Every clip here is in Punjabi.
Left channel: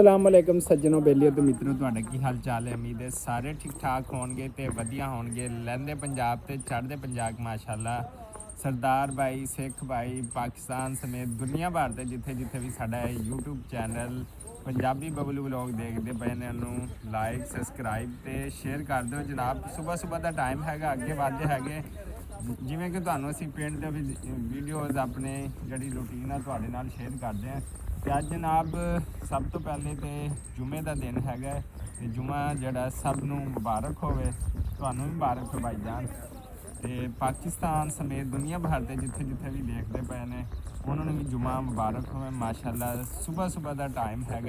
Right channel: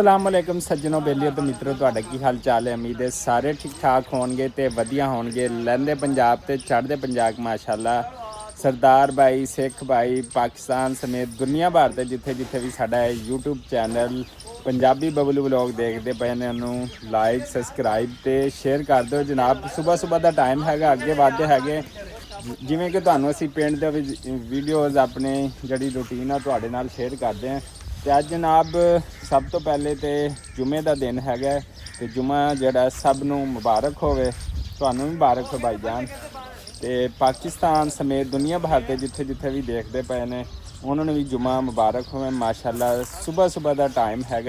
अस्सलाम वालेकुम सज्जनों बेलियों तो मित्रों तुहाडा की हाल चाल है। उम्मीद है सारे ठीक ठाक होणगे ते वधिया होणगे। लहंदे पंजाब ते चढ़दे पंजाब माशाअल्लाह सरदार भाई सिख भाई पाकिस्तान समेत दुनिया भर ते जिथे जिथे भी साडा YouTube channel Punjabi Bablu vlog देखते पे ने उन्होंने लाइक सबसक्राइब ते शेयर कर दो जनाब। सुबह सुबह का टाइम हैगा अगे वधदे हैगे जिमें कि तुहानूं असीं पिंड दे वीडियोज़ अपने जिहड़ी रूटीन आ तुहाडे नाल शेयर करते हैं। तो अज जनाब सब तो पहले तो जुमे का दिन है तो जुमा जोड़ा सब नूं मुबारक होवे, तुहानूं भी मुबारक हो भाई जान। तो पाकिस्तान समेत दुनिया भर के जिथे जिथे भी देखते पे ने उन्होंने भी जुमा मुबारक होवे माशाअल्लाह। सुबह सुबह का टाइम है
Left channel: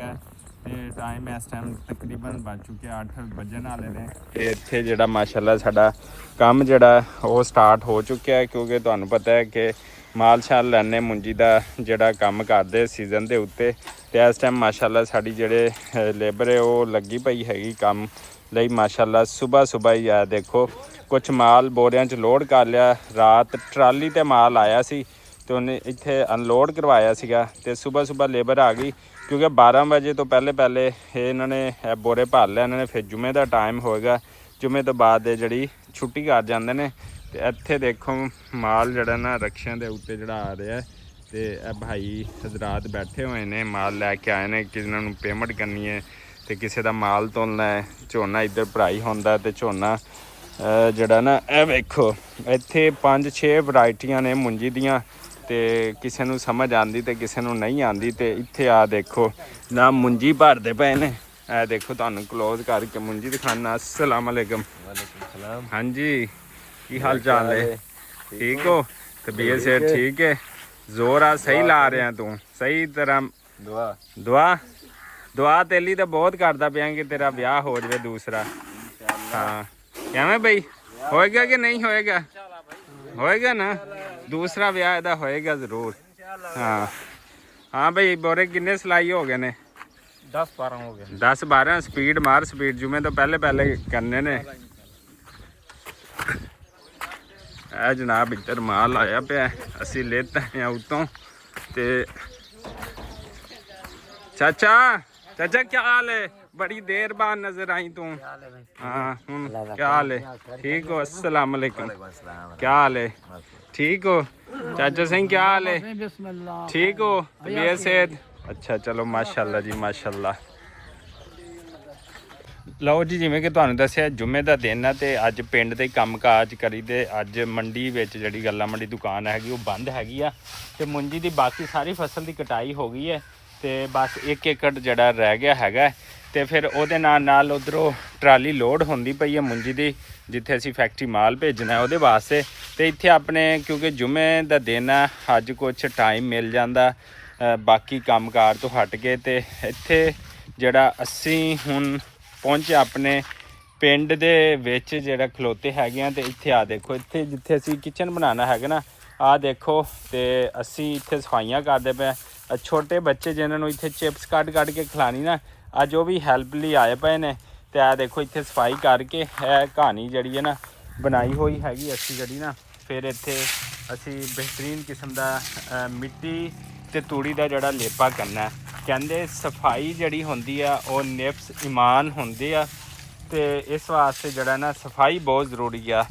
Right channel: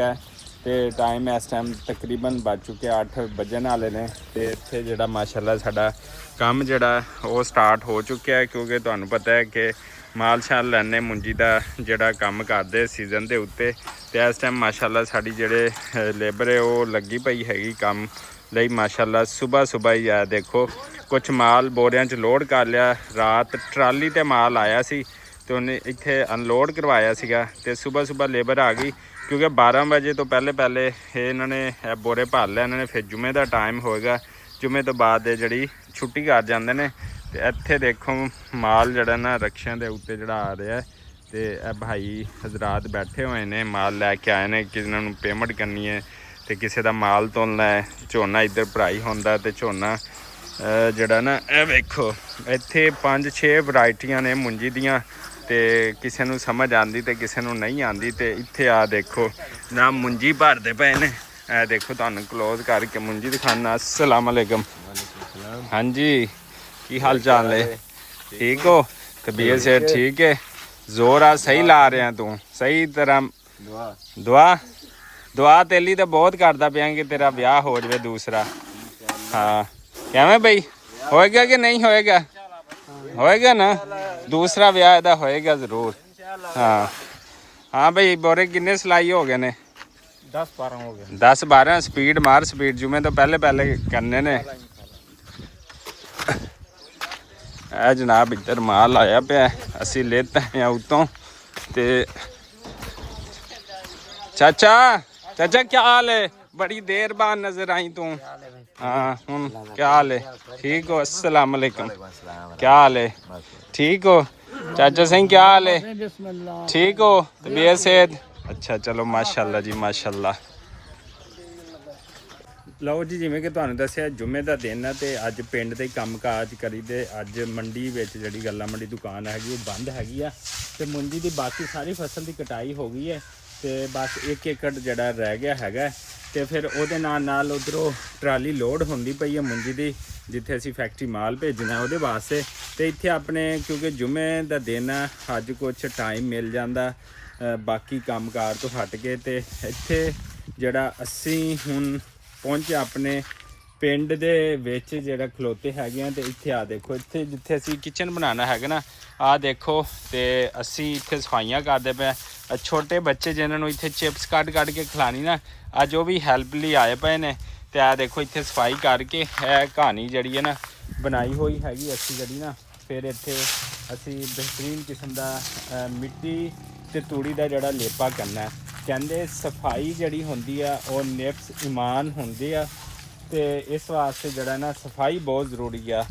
तो टाइम इस टाइम तकरीबन बज चुके 8 बजन वाले ने। तो इत्थे जिहड़ा माशाअल्लाह साडा काम जिहड़ा वो स्टार्ट हो चुका है क्योंकि तुहानूं पता है कि माल शाल लैने मुंजी का जोड़ा काम करते सीजन के उत्ते। तो इस टाइम माशाअल्लाह साड़ी जेडे लेबर है वो लगी पई हैगी काम लई माशाअल्लाह। सुबह सुबह ही है देखो कुछ माल बोरियां च लोड कर लिया। रात ट्राली ते माल आया सी तो उन्हें इत्थे अनलोड करवाया सीगा। ते सुबह सुबह लेबर आ गई क्योंकि 12 बजे तो पहले पहले इन्होंने बोरे भर लिया इन्होंने। फिर जुमे का टाइम होएगा, जुमे तो बाद जी छुट्टी कर जाते हैं। तो इत्थे देखो माल जड़ा ना रक्शियां के उत्ते जड़ा आ रहा है। तो भाई हजरात बैठे हुए ने माल लैके आए हैं, किसी ने पेमेंट करनी है तो किसी का माल तोलना है। झोना इधर भराई होंदा तो झोना जड़ा ना यह वेखो इत्थे 5-6 वरायटियां ने मुंजी दियां। तो किसी नूं समझ आती तो किसी नूं नहीं आती। तो इत्थे आ देखो ना मुंजी भरते पे ने। ए देखो तुहानूं क्लोज करके मुंजी दिखाना। अस्सलाम वालेकुम। हाँ जी की हाल चाल है? ठीक हो? तबीयत से ठीक है? जोर आ सही ला रहे हैं तू सही तरह? दुआ दुआ तेली तो बहुत करता पिया कि तेरा ब्याह हो जाए दूसरा। हाँ कैवें भाई होएगा कि नहीं होएगा? होएगा ना दूसरा ब्याह इहदा होएगा जरूर। हाँ हाँ भाई बोरे किन्ने सिलाई हो गए ने? 10-12 हो गए। 10-12 स्पीड मार स्पीड जुमे तो पहले पहले करने ने। है जनाब इधर माल आया पे असी लेते हैं उतों। ते चाचा चाचा क्या हाल है? बड़ी देर बाद नजर आई तू। हाँ क्या हाल है? ठीक हो? अस्सलाम वालेकुम। क्या हाल है? ठीक हो चाचा सिंह? क्या हाल है? ठीक हो? तबीयत सेहत? अच्छा चलो माशाल्लाह जी माशाल्लाह। ਲਓ ਜੀ ਜਿਵੇਂ ਕਿ ਤੁਹਾਨੂੰ ਦੱਸਿਆ ਜੁਮੇ ਦਾ ਦਿਨ ਹੈ ਤੇ ਅੱਜ ਪਿੰਡ ਦੇ ਕੰਮਕਾਜ ਕਰੀ ਤੇ ਅੱਜ ਮੰਡੀ ਵਿੱਚ ਜਿਹੜੀ ਗੱਲਾ ਮੰਡੀ ਦੁਕਾਨ ਹੈਗੀ ਉਹ ਬੰਦ ਹੈਗੀ ਆ। ਤੇ ਮੁੰਜੀ ਦੀ ਬਾਕੀ ਸਾਰੀ ਫਸਲ ਦੀ ਕਟਾਈ ਹੋ ਗਈ ਹੈ ਤੇ ਬਸ 1 ਏਕੜ ਜਿਹੜਾ ਰਹਿ ਗਿਆ ਹੈਗਾ। ਤੇ ਫਿਰ ਉਹਦੇ ਨਾਲ ਉਧਰੋਂ ਟਰਾਲੀ ਲੋਡ ਹੁੰਦੀ ਪਈ ਹੈ ਮੁੰਜੀ ਦੀ ਜਿੱਥੇ ਅਸੀਂ ਫੈਕਟਰੀ ਮਾਲ ਭੇਜਣਾ ਉਹਦੇ ਵਾਸਤੇ। ਤੇ ਇੱਥੇ ਆਪਣੇ ਕਿਉਂਕਿ ਜੁਮੇ ਦਾ ਦਿਨ ਹੈ ਅੱਜ ਕੁਛ ਟਾਈਮ ਮਿਲ ਜਾਂਦਾ ਬਾਕੀ ਕੰਮਕਾਰ ਤੋਂ ਹਟ ਕੇ। ਤੇ ਇੱਥੇ ਜਿਹੜਾ ਅਸੀਂ ਹੁਣ पहुंचे अपने पिंड दे विच जेड़ा खलोते हैगे ते इत्थे आ देखो इत्थे जिथे असी किचन बनाना है ना आ देखो। तो असी इत्थे सफाइयां करते पे छोटे बच्चे जिन्होंने इत्थे चिप्स कट के खिलानी ना अज वो भी हैल्प लिए आए पे ने। तो आ देखो इत्थे सफाई करके है कहानी जड़ी है ना बनाई हुई हैगी असी जड़ी ना। फिर इत्थे असी बेहतरीन किस्म का मिट्टी ते तूड़ी का जड़ा लेपा करना है। कहते सफाई जड़ी होंदी है वो निफ्स ईमान होंदे आ। ते इस वास्ते जड़ा ना सफाई बहुत ज़रूरी आ।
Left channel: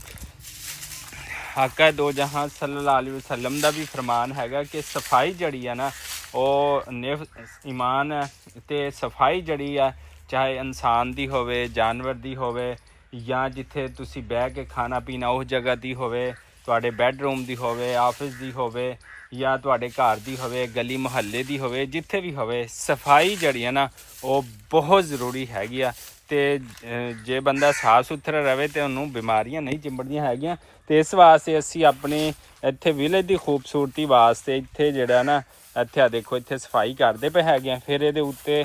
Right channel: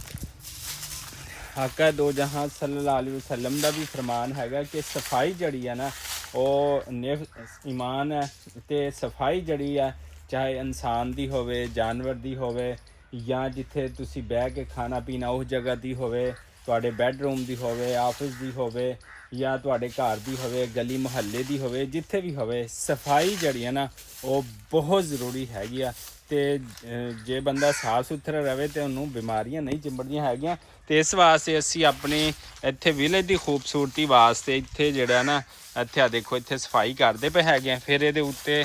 आका दो जहां सल्लल्लाहु अलैहि वसल्लम दा भी फरमान हैगा कि सफाई जड़ी है ना वो निफ्स ईमान है। ते सफाई जड़ी है चाहे इंसान दी होवे जानवर दी होवे या जिथे तुसी बह के खाना पीना उस जगह दी होवे तुहाडे बैडरूम दी होवे ऑफिस दी होवे या तुहाडे घर दी होवे गली मुहल्ले दी होवे जिथे भी होवे सफाई जड़ी है ना वो बहुत ज़रूरी हैगी आ। ते जे बंदा साफ सुथरा रहे तो उन्होंने बीमारियां नहीं चिंबड़दियां हैगियां। तो इस वास्ते असी अपने इत्थे विलेज की खूबसूरती वास्ते इत्थे जेड़ा ना इत्थे देखो इत्थे सफाई करते पे हैगे। फिर ये उत्ते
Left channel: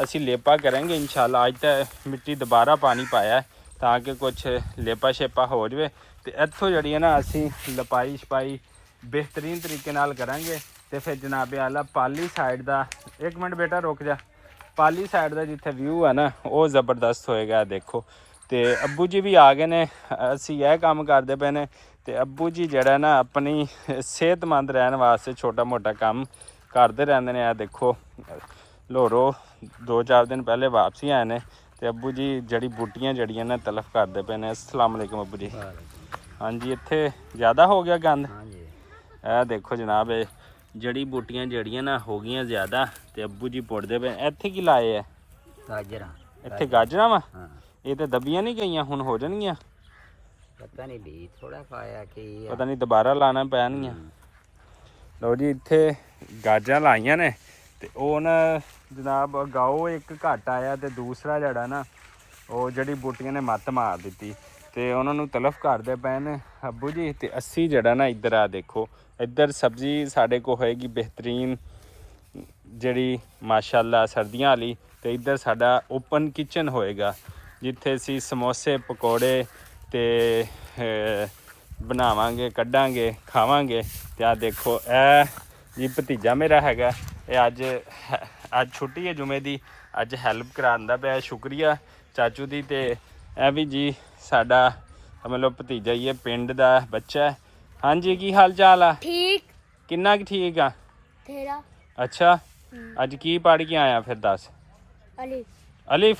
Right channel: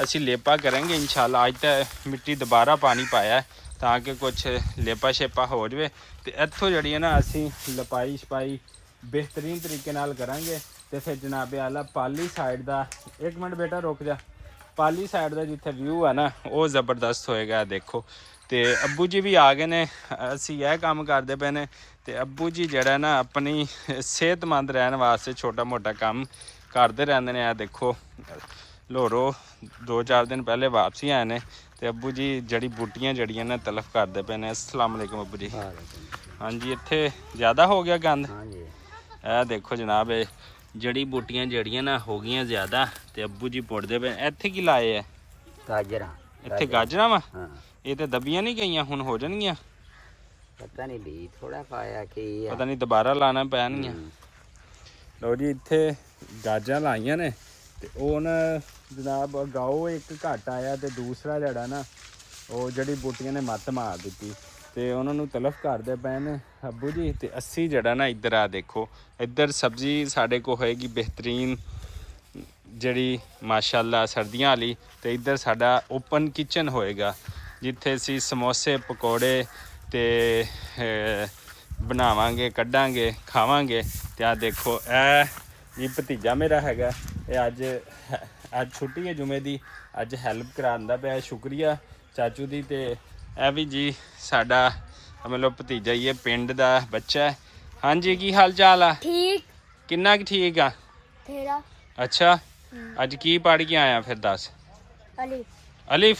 असी लेपा करेंगे इंशाल्लाह। अज तो मिट्टी दोबारा पानी पाया ताकि कुछ लेपा शेपा हो जाए। तो इत्थों जड़ी है ना असी लपाई छपाई बेहतरीन तरीके नाल करांगे। तो फिर जनाबे आला पाली साइड का एक मिनट बेटा रुक जा पाली साइड का जिथे व्यू है ना वो ज़बरदस्त होएगा देखो। तो अब्बू जी भी आ गए ने असी यह काम करते पे ने। तो अब्बू जी जड़ा ना अपनी सेहतमंद रहने वास्ते छोटा मोटा काम करते रहते हैं। देखो लोरो 2-4 ਦਿਨ ਪਹਿਲੇ ਵਾਪਸੀ ਆਏ ਨੇ ਤੇ ਅੱਬੂ ਜੀ ਜੜੀ ਬੂਟੀਆਂ ਜੜੀਆਂ ਨੇ ਤਲਫ ਕਰਦੇ ਪਏ ਨੇ। ਅਸਲਾਮ ਵਾਲੇਕੁਮ ਅੱਬੂ ਜੀ। ਹਾਂਜੀ ਇੱਥੇ ਜ਼ਿਆਦਾ ਹੋ ਗਿਆ ਗੰਦ। ਇਹ ਦੇਖੋ ਜਨਾਬ, ਇਹ ਜੜੀ ਬੂਟੀਆਂ ਜਿਹੜੀਆਂ ਨਾ ਹੋ ਗਈਆਂ ਜ਼ਿਆਦਾ ਤੇ ਅੱਬੂ ਜੀ ਪੁੱਟਦੇ ਪਏ। ਇੱਥੇ ਕੀ ਲਾਏ ਆ? ਗਾਜਰਾਂ। ਇੱਥੇ ਗਾਜਰਾਂ ਵਾ? ਇਹ ਤੇ ਦਬੀਆਂ ਨਹੀਂ ਗਈਆਂ, ਹੁਣ ਹੋ ਜਾਣਗੀਆਂ। ਪਤਾ ਨਹੀਂ ਲਈ ਥੋੜਾ ਪਾਇਆ ਕਿ ਪਤਾ ਨਹੀਂ ਦੁਬਾਰਾ ਲਾਣਾ ਪੈਣਗੀਆਂ। ਲਓ ਜੀ ਇੱਥੇ ਗਾਜਰਾਂ ਲਾਈਆਂ ਨੇ ਤੇ ਉਹ ਨਾ ਜਨਾਬ ਗਾਓ ਇੱਕ ਘੱਟ ਆਇਆ ਤੇ ਦੂਸਰਾ ਜਿਹੜਾ ਨਾ ਉਹ ਜਿਹੜੀ ਬੂਟੀਆਂ ਨੇ ਮੱਤ ਮਾਰ ਦਿੱਤੀ ਤੇ ਉਹਨਾਂ ਨੂੰ ਤਲਫ ਕਰਦੇ ਪਏ ਨੇ ਅੱਬੂ ਜੀ। ਤੇ ਅਸੀਂ ਜਿਹੜਾ ਨਾ ਇੱਧਰ ਆ ਦੇਖੋ, ਇੱਧਰ ਸਬਜ਼ੀ ਸਾਡੇ ਕੋਲ ਹੋਏਗੀ ਬਿਹਤਰੀਨ ਜਿਹੜੀ ਮਾਸ਼ਾਅੱਲਾ ਸਰਦੀਆਂ ਵਾਲੀ। ਤੇ ਇੱਧਰ ਸਾਡਾ ਓਪਨ ਕਿਚਨ ਹੋਏਗਾ ਜਿੱਥੇ ਅਸੀਂ ਸਮੋਸੇ ਪਕੌੜੇ ਤੇ ਬਣਾਵਾਂਗੇ, ਕੱਢਾਂਗੇ, ਖਾਵਾਂਗੇ। ਤੇ ਆ ਦੇਖੋ ਇਹ ਜੀ ਭਤੀਜਾ ਮੇਰਾ ਹੈਗਾ, ਇਹ ਅੱਜ ਛੁੱਟੀ ਹੈ ਜੁਮੇ ਦੀ, ਅੱਜ ਹੈਲਪ ਕਰਾਉਂਦਾ ਪਿਆ। ਸ਼ੁਕਰੀਆ ਚਾਚੂ ਦੀ। ਤੇ ਇਹ ਵੀ ਜੀ ਸਾਡਾ ਮਤਲਬ ਭਤੀਜਾ ਹੀ ਹੈ, ਪਿੰਡ ਦਾ ਬੱਚਾ ਹੈ। ਹਾਂਜੀ ਕੀ ਹਾਲ ਚਾਲ ਆ? ਠੀਕ। ਕਿੰਨਾ ਕੁ ਠੀਕ ਆ ਤੇਰਾ? ਅੱਛਾ ਅੱਜ ਕੀ ਪੜ੍ਹ ਕੇ ਆਇਆ ਫਿਰ ਦੱਸ? ਅਲਿਫ। ਅਲਿਫ?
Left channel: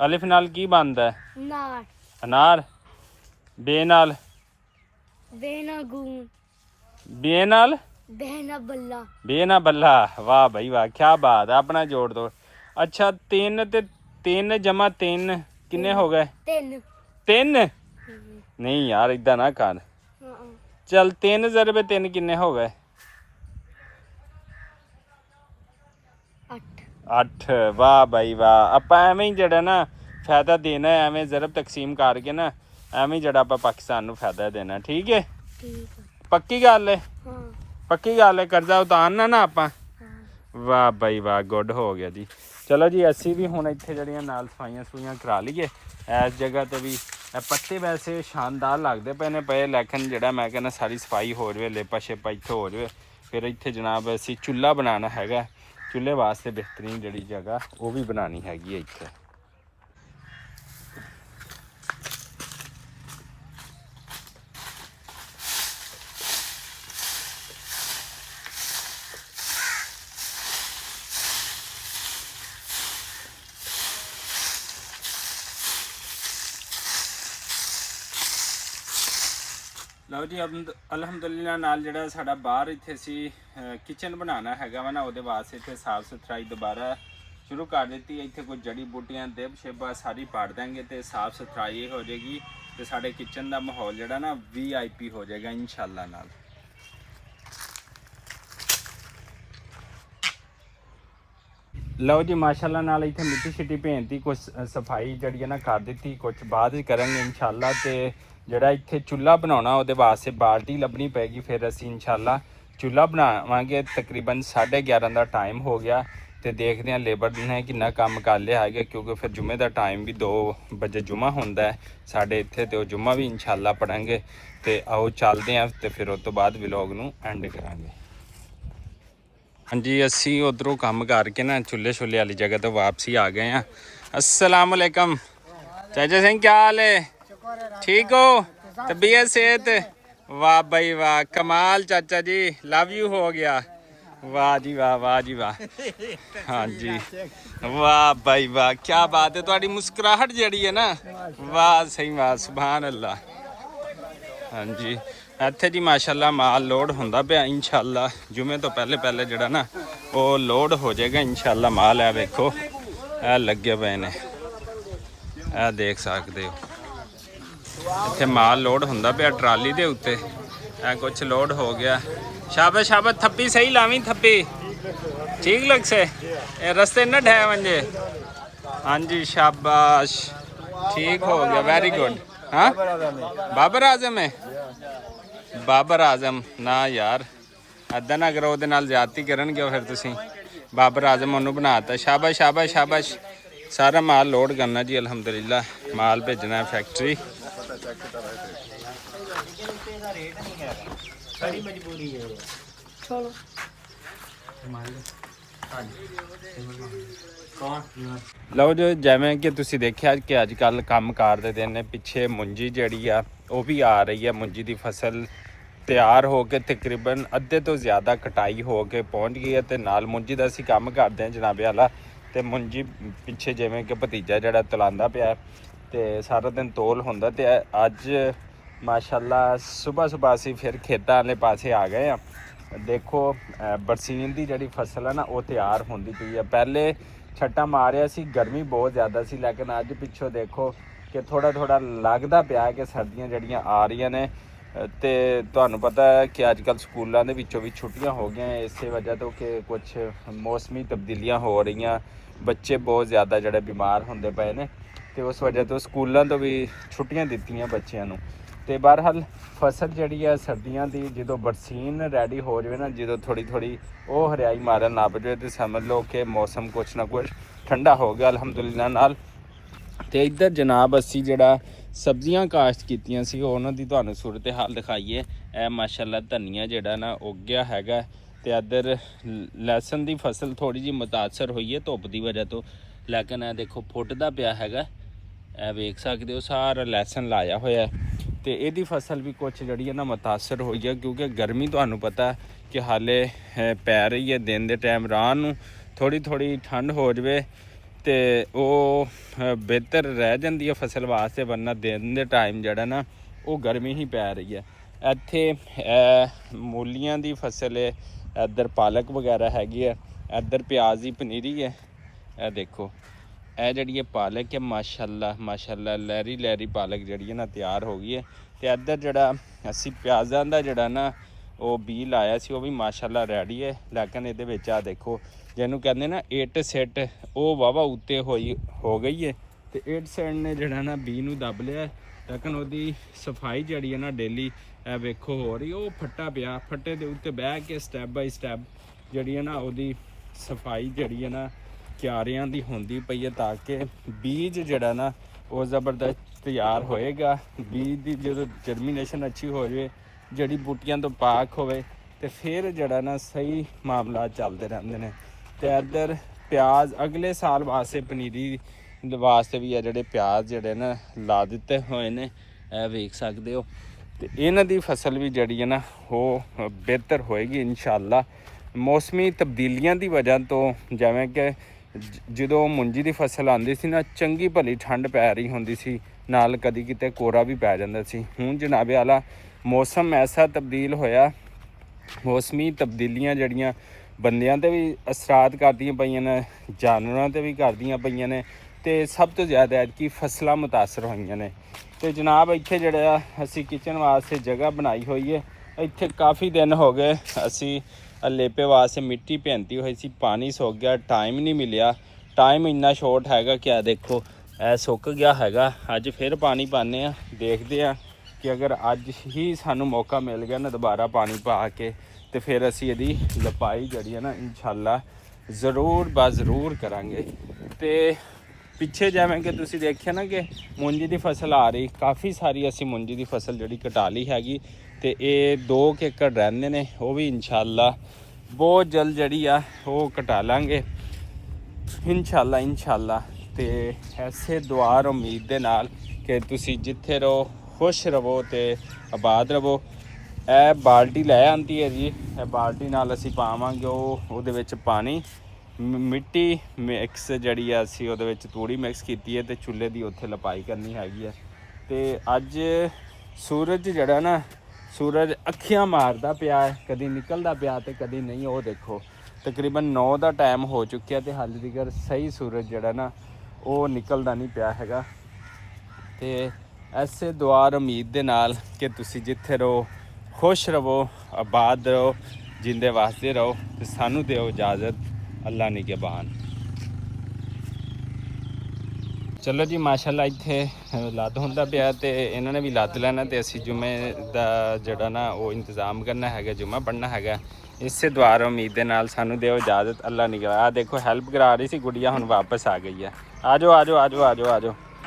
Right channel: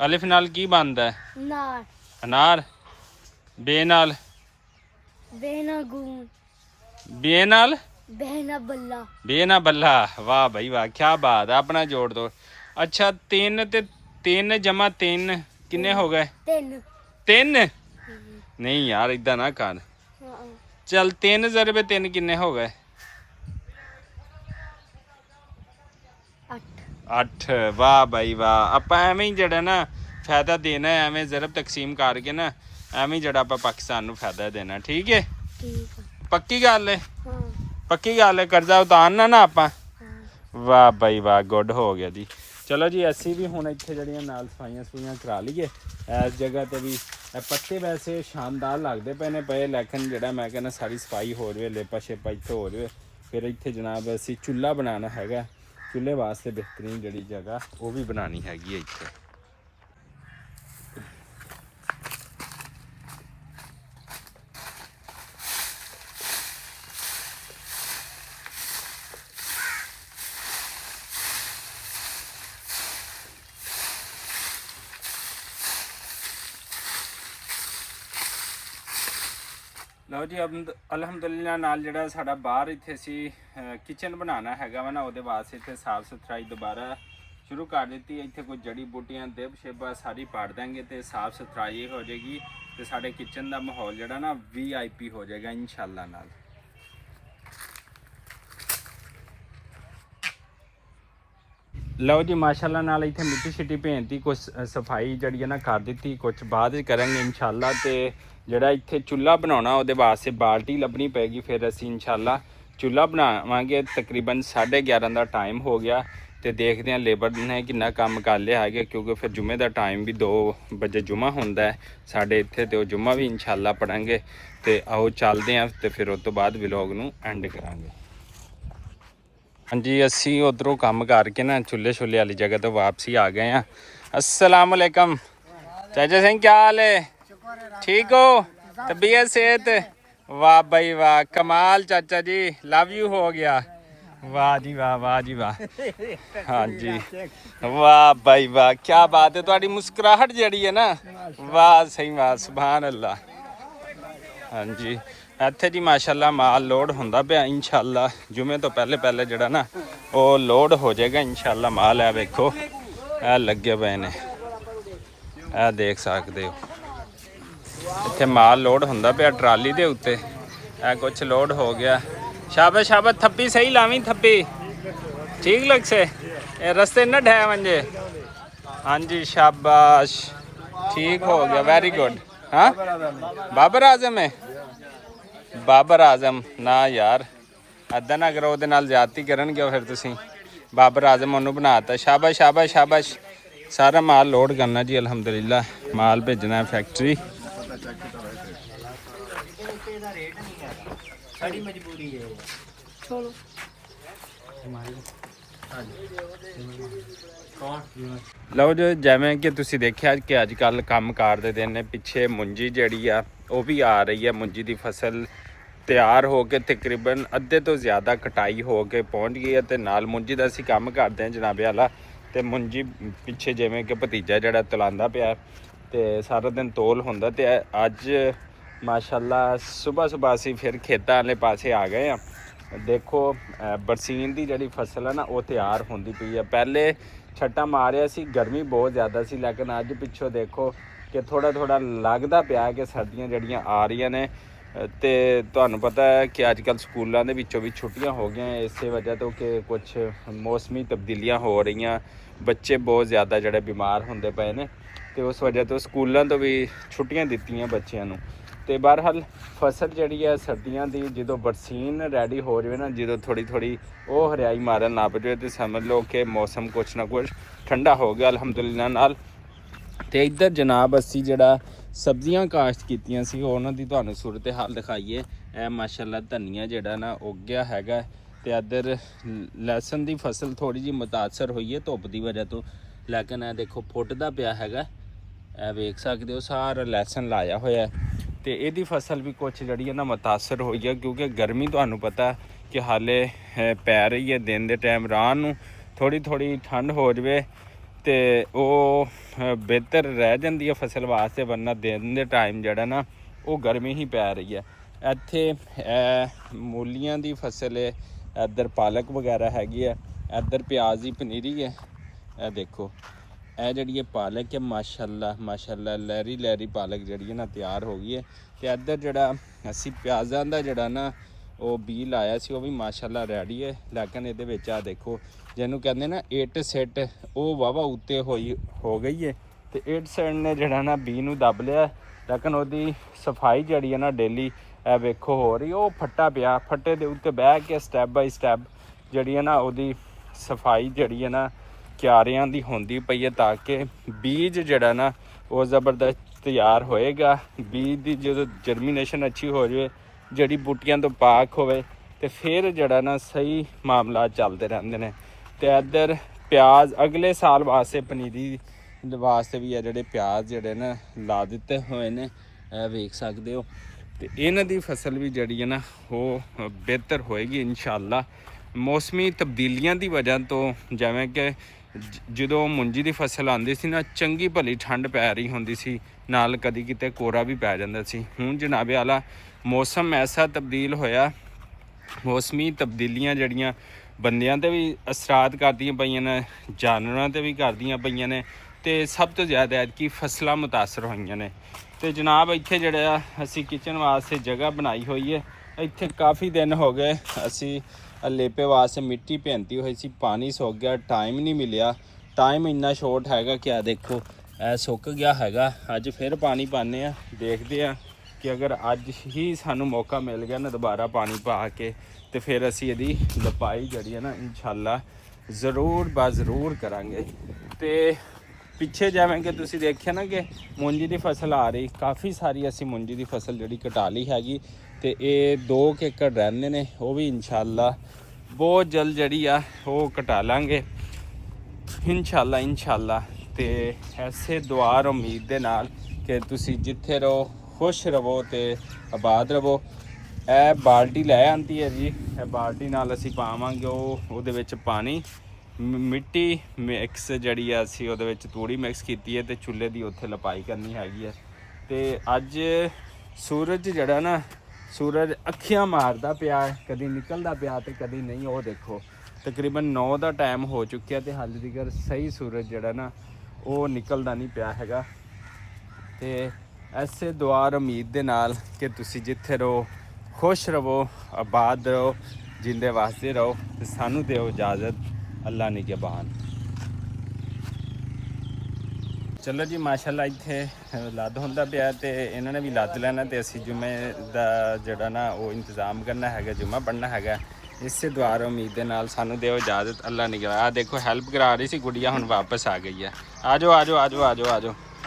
ਅਲਿਫ ਨਾਲ ਕੀ ਬਣਦਾ ਹੈ? ਅਨਾਰ। ਅਨਾਰ। ਬੇ ਨਾਲ? ਬੇ ਨਾਲ ਗੂੰ। ਬੇ ਨਾਲ? ਬੇ ਨਾਲ ਬੱਲਾ। ਬੇ ਨਾਲ ਬੱਲਾ। ਵਾਹ ਭਾਈ ਵਾਹ, ਕੀ ਬਾਤ ਹੈ, ਆਪਣਾ ਜੋੜ ਦੋ। ਅੱਛਾ 3 ਤੇ 3 ਜਮਾ 3 ਕਿੰਨੇ ਹੋ ਗਏ? 3। 3? ਨਹੀਂ ਯਾਰ ਇਦਾਂ ਨਾ ਕਰ। ਚੱਲ 3 ਜ਼ਰਬੇ 3 ਕਿੰਨੇ ਹੋ ਗਏ? 8। ਵਾਹ ਭਾਈ ਵਾਹ। ਆਪਾਂ ਐਵੇਂ ਹੀ ਜਿਹੜਾ ਨਾ ਫਾਇਦਾ ਦੇਣਾ, ਐਵੇਂ ਜ਼ਰਬ ਤਕਸੀਮ ਕਰਕੇ ਨਾ ਐਵੇਂ ਜਿਹੜਾ ਆਪਾਂ ਪਾਕਿਸਤਾਨ ਨੂੰ ਫਾਇਦਾ ਦੇਣਾ। ਠੀਕ ਹੈ? ਪੱਕੀ ਗੱਲ ਹੈ? ਪੱਕੀ ਗੱਲ ਹੈ, ਕਰਜ਼ਾ ਉਤਾਰਨਾ ਨਾ ਆਪਾਂ। ਵਾਹ ਭਾਈ ਵਾਹ, ਗੁੱਡ ਹੋ ਗਿਆ ਜੀ। ਚਲੋ ਜੀ ਅਸੀਂ ਵੀ ਹੁਣ ਇੱਥੇ ਜਿਹੜੀਆਂ ਨਾਲ ਸਫਾਈਆਂ ਕਰਾ ਲਈਏ ਇਸ ਜਗ੍ਹਾ ਤੇ ਵੀ। ਪੱਤੇ ਵੈਸੇ ਸ਼ਾਨਦਾਰ ਲੱਗਦੇ ਪਏ ਨੇ ਪਏ, ਲੇਕਿਨ ਜਿਹੜਾ ਮੈਂ ਕਹਿੰਦਾ ਸਾਰੀ ਸਫਾਈ ਹੋ ਜਾਵੇ, ਲੇਪਾ ਸ਼ੇਪਾ ਇੱਥੇ ਹੋ ਜਾਵੇ। ਫਿਰ ਇੱਥੇ ਜਨਾਬ ਅਸੀਂ ਚੁੱਲ੍ਹਾ ਬਣਾਉਣਾ ਹੈਗਾ, ਚੁੱਲ੍ਹੇ ਵਾਸਤੇ ਬਿਹਤਰੀਨ ਜਿਹੜੀ ਜਗ੍ਹਾ ਉਹ ਵੀ ਬਣਾਉਣੀ ਹੈਗੀ ਹੈ ਇੱਥੇ। ਲਓ ਜੀ ਅਲਹਮਦੁਲਿਲਾ ਨਾਲ ਜਿਹੜਾ ਸਾਡਾ ਬਾਹਰ ਇੱਥੇ ਅਸੀਂ ਕਿਚਨ ਬਣਾਉਣਾ ਹੈਗਾ ਵਾ ਨਾ, ਉਹਦੇ ਵਾਸਤੇ ਇੱਥੇ ਸਾਫ ਸੁਥਰਾਈ ਦੁਬਾਰਾ ਸ਼ੁਰੂ ਕਰ ਦਿੱਤੀ। ਇੱਥੇ ਕੋਈ ਜੜੀ ਬੂਟੀਆਂ ਦੇਬ ਸ਼ੇਬਾ ਸਾਰੀ ਪਾੜ ਦਾਂਗੇ ਤੇ ਸਾਫ ਸੁਥਰਾਈ ਹੋ ਜਾਏਗੀ ਤੇ ਸਾਡੇ ਕਿਚਨ ਦਾ ਮਾਹੌਲ ਜਿਹੜਾ ਨਾ VIP ਹੋ ਜਾਏਗਾ ਇਨਸ਼ਾਅੱਲਾ ਨਾਲ। ਲਓ ਜੀ ਮਾਸ਼ਾਅੱਲਾ ਨਾਲ ਇੱਥੇ ਮਿੱਟੀ ਸ਼ਿੱਟੀ ਭੇਜਤੀ, ਕੁਛ ਸਫਾਈ ਜਿਹੜੀ ਹੈ ਨਾ ਕਰ ਦਿੱਤੀ, ਕੁਛ ਬਾਅਦ ਵਿੱਚ ਕਰਾਂਗੇ ਇਨਸ਼ਾਅੱਲਾ। ਤੇ ਜਿਹੜਾ ਇੱਥੇ ਚੁੱਲ੍ਹਾ ਬਣਾਉਣਾ ਉਹਦੇ ਵਾਸਤੇ ਬਾਲਟੀ ਲੱਭਣੀ ਪਏਗੀ, ਫਿਰ ਅਸੀਂ ਇਨਸ਼ਾਅੱਲਾ ਚੁੱਲ੍ਹਾ ਬਣਾਵਾਂਗੇ। ਤਕਰੀਬਨ 11:30 ਦਾ ਟਾਈਮ ਹੋ ਗਿਆ ਤੇ ਦੇਖਦੇ ਹਾਂ ਲੇਬਰ ਨੇ ਕਿੰਨਾ ਕੰਮ ਕਰ ਲਿਆ ਹੈਗਾ, ਕਿਉਂਕਿ ਫਿਰ ਜੁਮੇ ਦਾ ਟਾਈਮ ਵੀ 2 ਵਜੇ ਜੁਮਾ ਹੁੰਦਾ ਹੈ ਸਾਡੇ ਇੱਥੇ, ਤੇ ਉਹ ਜੁਮਾ ਵੀ ਇਨਸ਼ਾਅੱਲਾ ਪੜਾਂਗੇ। ਤੇ ਆਓ ਚੱਲਦੇ ਹਾਂ ਤੇ ਫਿਰ ਉਸ ਤੋਂ ਬਾਅਦ ਵਲੌਗ ਨੂੰ ਐਂਡ ਕਰਾਂਗੇ। ਹਾਂਜੀ ਅਸੀਂ ਉਧਰੋਂ ਕੰਮ ਕਰਕੇ ਨਾ ਚੁੱਲ੍ਹੇ ਛੁੱਲੇ ਵਾਲੀ ਜਗ੍ਹਾ ਤੋਂ ਵਾਪਸੀ ਆ ਗਏ ਹਾਂ। अस्सलाम वालेकुम चाचा सिंह, क्या हाल है? ठीक हो? तबीयत सेहत? वाह भाई वाह, कमाल चाचा जी, लव यू हो गया। वाह जी वाह, वाह जी वाह। हाँ जी वाह भाई वाह, क्या बात है, थोड़ी मुस्कुराहट जड़ी है ना, वाह सही वाह, सुभान अल्लाह। हाँ जी ਇੱਥੇ ਜੀ ਮਾਸ਼ਾਅੱਲਾ ਮਾਲ ਲੋਡ ਹੁੰਦਾ ਪਿਆ, ਇਨਸ਼ਾਅੱਲਾ ਜੁਮੇ ਤੋਂ ਪਹਿਲੇ ਜਿਹੜਾ ਨਾ ਉਹ ਲੋਡ ਹੋ ਜਾਏਗਾ ਇਨਸ਼ਾਅੱਲਾ ਮਾਲ। ਹੈ ਵੇਖੋ ਇਹ ਲੱਗੇ ਪਏ ਨੇ, ਇਹ ਦੇਖ ਸਕਦੇ ਹੋ ਇੱਥੇ ਮਾਲ ਲੋਡ ਹੁੰਦਾ ਪਿਆ ਟਰਾਲੀ ਦੇ ਉੱਤੇ। ਇਹ ਕੁਛ ਲੋਡ ਹੋ ਗਿਆ। शाबाश शाबाश, थप्पी सही लावी, थप्पी ठीक लग से रस्ते न ढह वंजे। हाँ जी शाबाश, ठीक हो गया, वेरी गुड। हाँ बाबर आजम है, बाबर आजम ना यार अद्दा ना करो, ਉਹਦੇ ਨਾਲ ਜ਼ਿਆਦਤੀ ਕਰਨਗੇ ਫਿਰ ਤੁਸੀਂ। ਬਾਬਰ ਆਜ਼ਮ ਉਹਨੂੰ ਬਣਾਤਾ। शाबाश शाबाश शाबाश। सारा माल लोड करना जी अल्हम्दुलिल्लाह, माल भेजना है फैक्ट्री। बड़ी मजबूरी है चलो। ਲਓ ਜੀ ਜਿਵੇਂ ਕਿ ਤੁਸੀਂ ਦੇਖਿਆ ਕਿ ਅੱਜ ਕੱਲ ਕੰਮਕਾਰ ਦੇ ਦਿਨ ਨੇ, ਪਿੱਛੇ ਮੁੰਜੀ ਜਿਹੜੀ ਆ ਉਹ ਵੀ ਆ ਰਹੀ ਹੈ। ਮੁੰਜੀ ਦੀ ਫਸਲ ਤਿਆਰ ਹੋ ਕੇ ਤਕਰੀਬਨ ਅੱਧੇ ਤੋਂ ਜ਼ਿਆਦਾ ਕਟਾਈ ਹੋ ਕੇ ਪਹੁੰਚ ਗਈ ਹੈ ਤੇ ਨਾਲ ਮੁੰਜੀ ਦਾ ਅਸੀਂ ਕੰਮ ਕਰਦੇ ਹਾਂ ਜਨਾਬੇ ਵਾਲਾ। ਤੇ ਮੁੰਜੀ ਪਿੱਛੇ ਜਿਵੇਂ ਕਿ ਭਤੀਜਾ ਜਿਹੜਾ ਤਲਾਂਦਾ ਪਿਆ ਤੇ ਸਾਰਾ ਦਿਨ ਤੋਲ ਹੁੰਦਾ। ਤੇ ਅੱਜ ਮਾਸ਼ਾਅੱਲਾ ਸਵੇਰ ਅਸੀਂ ਫਿਰ ਖੇਤਾਂ ਵਾਲੇ ਪਾਸੇ ਆ ਗਏ ਆ। ਦੇਖੋ ਬਰਸੀਨ ਦੀ ਜਿਹੜੀ ਫਸਲ ਹੈ ਨਾ ਉਹ ਤਿਆਰ ਹੁੰਦੀ ਪਈ ਹੈ। ਪਹਿਲੇ ਛੱਟਾ ਮਾਰਿਆ ਸੀ, ਗਰਮੀ ਬਹੁਤ ਜ਼ਿਆਦਾ ਸੀ, ਲੇਕਿਨ ਅੱਜ ਪਿੱਛੋਂ ਦੇਖੋ ਕਿ ਥੋੜਾ ਲੱਗਦਾ ਪਿਆ ਕਿ ਸਰਦੀਆਂ ਜਿਹੜੀਆਂ ਆ ਰਹੀਆਂ ਨੇ। ਤੇ ਤੁਹਾਨੂੰ ਪਤਾ ਹੈ ਕਿ ਅੱਜ ਕੱਲ੍ਹ ਸਕੂਲਾਂ ਦੇ ਵਿੱਚੋਂ ਵੀ ਛੁੱਟੀਆਂ ਹੋ ਗਈਆਂ ਇਸੇ ਵਜ੍ਹਾ ਤੋਂ ਕਿ ਕੁਝ ਮੌਸਮੀ ਤਬਦੀਲੀਆਂ ਹੋ ਰਹੀਆਂ, ਬੱਚੇ ਬਹੁਤ ਜ਼ਿਆਦਾ ਜਿਹੜੇ ਬਿਮਾਰ ਹੁੰਦੇ ਪਏ ਨੇ ਤੇ ਉਸ ਵਜ੍ਹਾ ਤੋਂ ਸਕੂਲਾਂ ਤੋਂ ਵੀ ਛੁੱਟੀਆਂ ਦਿੱਤੀਆਂ ਬੱਚਿਆਂ ਨੂੰ। ਤੇ ਬਹਰਹਾਲ ਫਸਲ ਜਿਹੜੀ ਹੈ ਸਰਦੀਆਂ ਦੀ ਜਦੋਂ ਬਰਸੀਨ ਰੈਡੀ ਹੋ ਜਾਵੇ ਨਾ, ਜਦੋਂ ਥੋੜੀ ਉਹ ਹਰਿਆਈ ਮਾਰਨ ਲੱਗ ਜਾਵੇ ਤੇ ਸਮਝ ਲਓ ਕਿ ਮੌਸਮ ਕੁਛ ਨਾ ਕੁਛ ਠੰਡਾ ਹੋ ਗਿਆ ਅਲਹਮਦੁਲਿਲਾ ਨਾਲ। ਤੇ ਇੱਧਰ ਜਨਾਬ ਅਸੀਂ ਜਿਹੜਾ ਸਬਜ਼ੀਆਂ ਕਾਸ਼ਤ ਕੀਤੀਆਂ ਸੀ ਉਹਨਾਂ ਦੀ ਤੁਹਾਨੂੰ ਸੂਰਤ ਹਾਲ ਦਿਖਾਈਏ। ਇਹ ਮਾਸ਼ਾਅੱਲਾ ਧਨੀਆ ਜਿਹੜਾ ਨਾ ਉੱਗ ਗਿਆ ਹੈਗਾ। ਤੇ ਇੱਧਰ ਲਸਣ ਦੀ ਫਸਲ ਥੋੜੀ ਜਿਹੀ ਮੁਤਾਸਰ ਹੋਈ ਹੈ ਧੁੱਪ ਦੀ ਵਜ੍ਹਾ ਤੋਂ, ਲੇਕਿਨ ਇਹ ਦੇਖੋ ਫੁੱਟਦਾ ਪਿਆ ਹੈਗਾ। ਇਹ ਵੇਖ ਸਕਦੇ ਹੋ ਸਾਰਾ ਲਸਣ ਲਾਇਆ ਹੋਇਆ ਤੇ ਇਹਦੀ ਫਸਲ ਵੀ ਕੁਛ ਜਿਹੜੀ ਹੈ ਨਾ ਮੁਤਾਸਰ ਹੋਈ ਹੈ, ਕਿਉਂਕਿ ਗਰਮੀ ਤੁਹਾਨੂੰ ਪਤਾ ਕਿ ਹਾਲੇ ਪੈ ਰਹੀ ਹੈ। ਦਿਨ ਦੇ ਟਾਈਮ ਰਾਤ ਨੂੰ ਥੋੜੀ ਠੰਡ ਹੋ ਜਾਵੇ ਤੇ ਉਹ ਬਿਹਤਰ ਰਹਿ ਜਾਂਦੀ ਹੈ ਫਸਲ ਵਾਸਤੇ, ਵਰਨਾ ਦਿਨ ਦੇ ਟਾਈਮ ਜਿਹੜਾ ਨਾ ਉਹ ਗਰਮੀ ਹੀ ਪੈ ਰਹੀ ਹੈ। ਇੱਥੇ ਮੂਲੀਆਂ ਦੀ ਫਸਲ ਹੈ, ਇੱਧਰ ਪਾਲਕ ਵਗੈਰਾ ਹੈਗੀ ਹੈ, ਇੱਧਰ ਪਿਆਜ਼ ਦੀ ਪਨੀਰੀ ਹੈ। ਇਹ ਦੇਖੋ ਇਹ ਜਿਹੜੀ ਹੈ ਪਾਲਕ ਹੈ ਮਾਸ਼ਾਅੱਲਾ ਲਹਿਰੀ ਪਾਲਕ ਜਿਹੜੀ ਹੈ ਨਾ ਤਿਆਰ ਹੋ ਗਈ ਹੈ। ਤੇ ਇੱਧਰ ਜਿਹੜਾ ਅਸੀਂ ਪਿਆਜ਼ਾਂ ਦਾ ਜਿਹੜਾ ਨਾ ਉਹ ਬੀਜ ਲਾਇਆ ਸੀ ਉਹ ਵੀ ਮਾਸ਼ਾਅੱਲਾ ਰੈਡੀ ਹੈ, ਲੇਕਿਨ ਇਹਦੇ ਵਿੱਚ ਆ ਦੇਖੋ ਜਿਹਨੂੰ ਕਹਿੰਦੇ ਨਾ ਇੱਟ ਸਿੱਟ ਉਹ ਵਾਹਵਾ ਉੱਤੇ ਹੋ ਗਈ ਹੈ। ਤੇ ਇੱਟ ਸਿੱਟ ਨੇ ਜਿਹੜਾ ਨਾ ਬੀ ਨੂੰ ਦੱਬ ਲਿਆ, ਲੇਕਿਨ ਉਹਦੀ ਸਫਾਈ ਜਿਹੜੀ ਹੈ ਨਾ ਡੇਲੀ ਇਹ ਵੇਖੋ ਹੋ ਰਹੀ। ਉਹ ਫੱਟਾ ਪਿਆ, ਫੱਟੇ ਦੇ ਉੱਤੇ ਬਹਿ ਕੇ ਸਟੈਪ ਬਾਈ ਸਟੈਪ ਜਿਹੜੀ ਹੈ ਨਾ ਉਹਦੀ ਸਫਾਈ ਜਿਹੜੀ ਹੈ ਨਾ ਕਿਆਰਿਆਂ ਦੀ ਹੁੰਦੀ ਪਈ ਹੈ, ਤਾਂ ਕਿ ਬੀਜ ਜਿਹੜਾ ਨਾ ਉਹ ਜ਼ਬਰਦਸਤ ਤਿਆਰ ਹੋਏਗਾ। ਬੀਜ ਦੀ ਜਦੋਂ ਜਰਮੀਨੇਸ਼ਨ ਅੱਛੀ ਹੋ ਜਾਵੇ, ਜਿਹੜੀ ਬੂਟੀਆਂ ਤੋਂ ਪਾਕ ਹੋਵੇ ਤੇ ਫਿਰ ਜਿਹੜਾ ਨਾ ਸਹੀ ਮਾਮਲਾ ਚੱਲਦੇ ਰਹਿੰਦੇ ਨੇ। ਤੇ ਇੱਧਰ ਪਿਆਜ਼ ਅਗਲੇ ਸਾਲ ਵਾਸਤੇ ਪਨੀਰੀ ਵਾਸਤੇ ਵੀ ਆ ਜਿਹੜੇ ਪਿਆਜ਼ ਜਿਹੜੇ ਨਾ ਲਾ ਦਿੱਤੇ ਹੋਏ ਨੇ, ਇਹ ਵੇਖ ਸਕਦੇ ਹੋ। ਤੇ ਇਹਨਾਂ ਦੀ ਫਸਲ ਵੀ ਜਿਹੜੀ ਹੈ ਨਾ ਉਹ ਬਿਹਤਰ ਹੋਏਗੀ ਇਨਸ਼ਾਅੱਲਾ। ਮੌਸਮੀ ਤਬਦੀਲੀਆਂ ਦੀ ਵਜ੍ਹਾ ਤੋਂ, ਜਿਵੇਂ ਕਿ ਜਦੋਂ ਮੁੰਜੀ ਦੀ ਫਸਲ ਆਉਂਦੀ ਸੀ ਨਾ ਚੰਗੀ ਭਲੀ ਠੰਡ ਪੈ ਰਹੀ ਹੁੰਦੀ ਸੀ, ਨਾਲ ਕਦੀ ਕਿਤੇ ਕੋਰਾ ਵੀ ਪੈ ਜਾਂਦਾ ਸੀ। ਹੁਣ ਜਨਾਬੇ ਆਲਾ ਮੌਸਮ ਐਸਾ ਤਬਦੀਲ ਹੋਇਆ, ਮੌਸਮੀ ਤਬਦੀਲੀਆਂ ਜਿਹੜੀਆਂ ਬੰਦਿਆਂ 'ਤੇ ਵੀ ਅਸਰਾਤ ਕਰਦੀਆਂ ਪਈਆਂ ਨੇ, ਜਾਨਵਰਾਂ 'ਤੇ ਵੀ ਕਰਦੀਆਂ ਪਈਆਂ ਨੇ, ਤੇ ਸਭ ਤੋਂ ਜ਼ਿਆਦਾ ਐਤਕੀ ਫਸਲਾਂ ਮੁਤਾਸਰ ਹੋਈਆਂ ਨੇ। ਤੇ ਜਨਾਬ ਇੱਥੇ ਜਿਹੜਾ ਅਸੀਂ ਕਿਚਨ ਵਾਸਤੇ ਜਗ੍ਹਾ ਬਣਾਈ ਹੋਈ ਹੈ, ਇੱਥੇ ਕਾਫੀ ਦਿਨ ਹੋ ਗਏ ਅਸੀਂ ਲੇਪੇ ਵਾਸਤੇ ਮਿੱਟੀ ਭਿੰਤੀ ਹੋਈ ਸੀ, ਪਾਣੀ ਸੁੱਕ ਗਿਆ, ਟਾਈਮ ਨਹੀਂ ਮਿਲਿਆ। ਟਾਈਮ ਇੰਨਾ ਸ਼ੋਰਟ ਹੈਗਾ ਕਿ ਆ ਦੇਖੋ ਇਹ ਸੁੱਕ ਗਿਆ ਹੈਗਾ। ਅੱਜ ਫਿਰ ਪਾਣੀ ਪਾਉਂਦੇ ਆ, ਦੇਖਦੇ ਆ ਕਿ ਅਗਰ ਅੱਜ ਹੀ ਸਾਨੂੰ ਮੌਕਾ ਮਿਲ ਗਿਆ ਨਾ ਦੁਬਾਰਾ ਪਾਣੀ ਪਾ ਕੇ, ਤੇ ਫਿਰ ਅਸੀਂ ਇਹਦੀ ਲਪਾਈ ਜਿਹੜੀ ਹੈ ਨਾ ਇਨਸ਼ਾਅੱਲਾ ਜ਼ਰੂਰ ਕਰਾਂਗੇ। ਤੇ ਪਿੱਛੇ ਜਿਵੇਂ ਕਿ ਤੁਸੀਂ ਦੇਖਿਆ ਨਾ ਕਿ ਮੂੰਜੀ ਦੀ ਫਸਲ ਆ ਰਹੀ, ਕਾਫੀ ਸਾਰੀ ਅਸੀਂ ਮੂੰਜੀ ਦੀ ਫਸਲ ਜਿਹੜੀ ਕਟਾ ਲਈ ਹੈਗੀ। ਤੇ ਇਹ 2 ਏਕੜ ਰਹਿੰਦੇ ਨੇ, ਉਹ ਵੀ ਇਨਸ਼ਾਅੱਲਾ ਬਹੁਤ ਜਲਦ ਜਿਹੜੀ ਆ ਉਹ ਕਟਾ ਲਾਂਗੇ ਇਨਸ਼ਾਅੱਲਾ। ਤੇ ਐਸੇ ਦੁਆ ਉਮੀਦ ਦੇ ਨਾਲ ਕਿ ਤੁਸੀਂ ਜਿੱਥੇ ਰਹੋ ਖੁਸ਼ ਰਹੋ ਤੇ ਆਬਾਦ ਰਹੋ। ਇਹ ਬਾਲਟੀ ਲੈ ਆਂਦੀ ਹੈ ਜੀ, ਇਹ ਬਾਲਟੀ ਨਾਲ ਅਸੀਂ ਪਾਵਾਂਗੇ ਉਹਦੇ ਵਿੱਚ ਪਾਣੀ, ਮਿੱਟੀ ਮਿਕਸ ਜਿਹੜੀ ਆ ਅਸੀਂ ਉਹਦੇ ਵਿੱਚ ਤੂੜੀ ਮਿਕਸ ਕੀਤੀ ਹੈ ਤੇ ਚੁੱਲ੍ਹੇ ਦੀ ਉੱਥੇ ਲਪਾਈ ਕਰਨੀ ਹੈਗੀ ਹੈ। ਤੇ ਅੱਜ ਸੂਰਜ ਜਿਹੜਾ ਨਾ ਸੂਰਜ ਅੱਖੀਆਂ ਮਾਰਦਾ ਪਿਆ, ਕਦੀ ਨਿਕਲਦਾ ਪਿਆ ਤੇ ਕਦੀ ਨਹੀਂ। ਉਹ ਦੇਖੋ ਤਕਰੀਬਨ 9 ਦਾ ਟਾਈਮ ਹੋ ਚੁੱਕਿਆ ਤੇ ਹਾਲੇ ਤੀਕਰ ਸਹੀ ਸੂਰਜ ਜਿਹੜਾ ਨਾ ਉਹ ਨਿਕਲਦਾ ਨਹੀਂ ਪਿਆ ਹੈਗਾ। ਤੇ ਐਸੇ ਦੁਆ ਉਮੀਦ ਦੇ ਨਾਲ ਕਿ ਤੁਸੀਂ ਜਿੱਥੇ ਰਹੋ ਖੁਸ਼ ਰਹੋ, ਆਬਾਦ ਰਹੋ, ਜਿੰਦੇ ਵਾਸਤੇ ਰਹੋ, ਤੇ ਸਾਨੂੰ ਦਿਓ ਇਜਾਜ਼ਤ। ਅੱਲਾ ਨਿਗਹਿਬਾਨ। ਚਲੋ ਜੀ ਮਾਸ਼ਾਅੱਲਾ ਇੱਥੇ ਲੱਦ ਹੁੰਦਾ ਪਿਆ ਤੇ ਇਹਨਾਂ ਨੇ ਵੀ ਲੱਦ ਲੈਣਾ ਤੇ ਅਸੀਂ ਜੁਮੇ ਦਾ ਜਿਹੜਾ ਨਾ ਉਹ ਇੰਤਜ਼ਾਮ ਕਰਨਾ ਹੈਗਾ, ਜੁਮਾ ਪੜ੍ਹਨਾ ਹੈਗਾ। ਇਸੇ ਦੁਆ ਉਮੀਦ ਦੇ ਨਾਲ ਸਾਨੂੰ ਦਿਓ ਇਜਾਜ਼ਤ। ਅੱਲਾ ਨਿਗਹਿਬਾਨ। ਆ ਦੇਖੋ ਹੈਲਪ ਕਰਾ ਰਹੀ ਸੀ ਗੁੜੀਆ, ਹੁਣ ਵਾਪਸ ਆ ਗਈ ਹੈ। ਆ ਜਾਓ।